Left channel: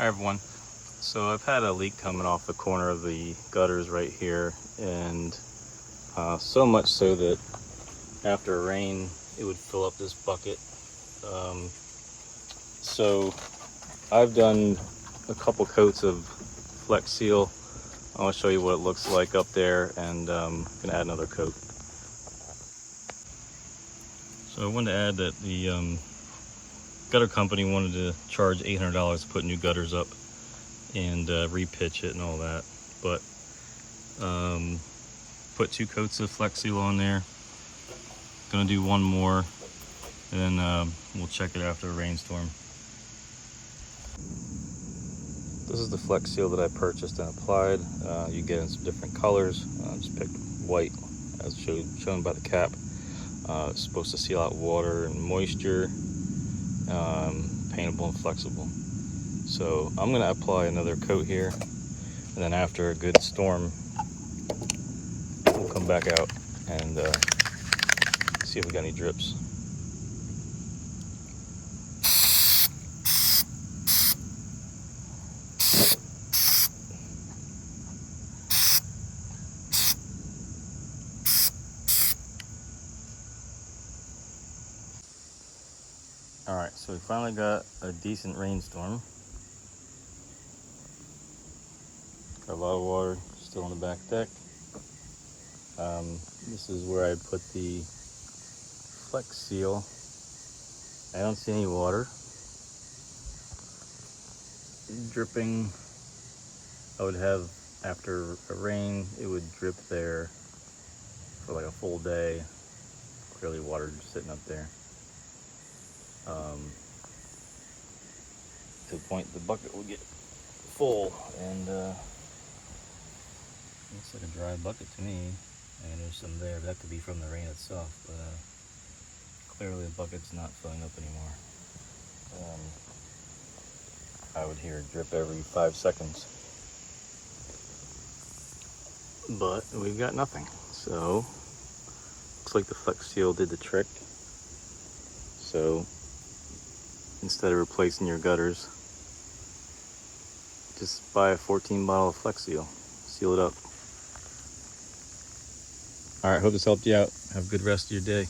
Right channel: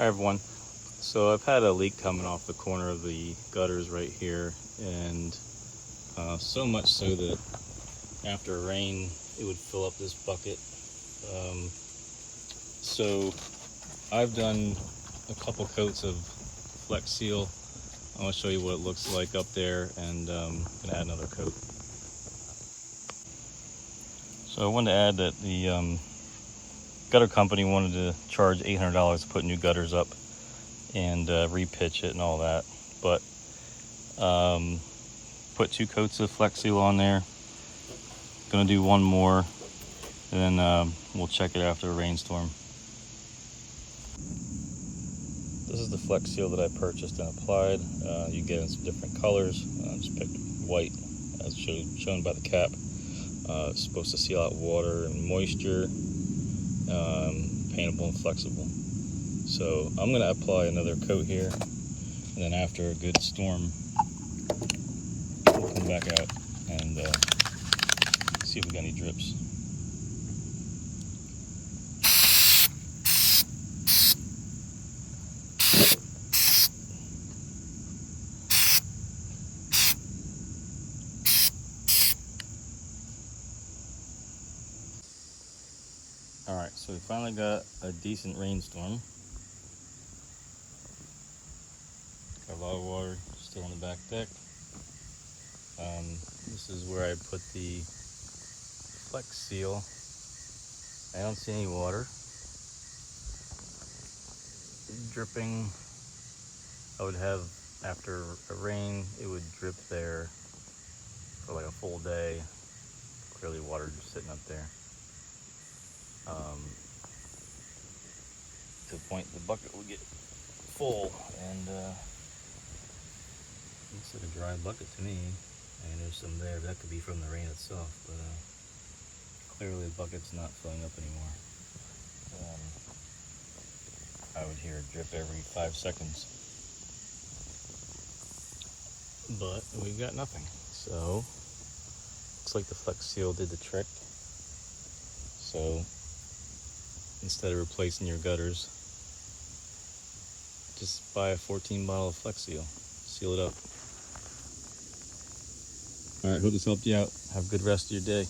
Hi everyone. So I've had a leak coming off the corner of the gutters right here, and so much so that after rain it would fill up this bucket. So I've done a couple coats of FlexSeal. I want to show you what it looks like up there, and I'm going to add another coat. So I wanted to add that the gutter company wanted to charge $800 to put new gutters up and repitch it and all that, but put 2 coats of FlexSeal on there. Gonna do one more, and then we'll check it after a rainstorm. This is the FlexSeal that I purchased and applied. You get in some different colors. Just picked white as shown by the cap. It's supposed to seal out water and moisture, paintable and flexible. So I'm going to apply another coat here, and then after a good storm, we'll come back out and see if we got any drips. All right, so we finally got a decent rainstorm. Got a lot of water still on the back deck. This is where I put the FlexSeal. I don't see any water dripping. I would have, after a rain, it would drip there for like a full day. Clearly water just sitting up there. To the point the bucket will get full, and looks like a dry bucket to me. And there's some there, but that could be from the rain itself, but clearly the bucket's not filling up anymore. I would hear it drip every 5 seconds, but we've got nothing. So looks like the FlexSeal did the trick. So instead of replacing your gutters, just buy a 14 bottle of FlexSeal, seal it up. All right, hope this helped you out. Have a good rest of your day.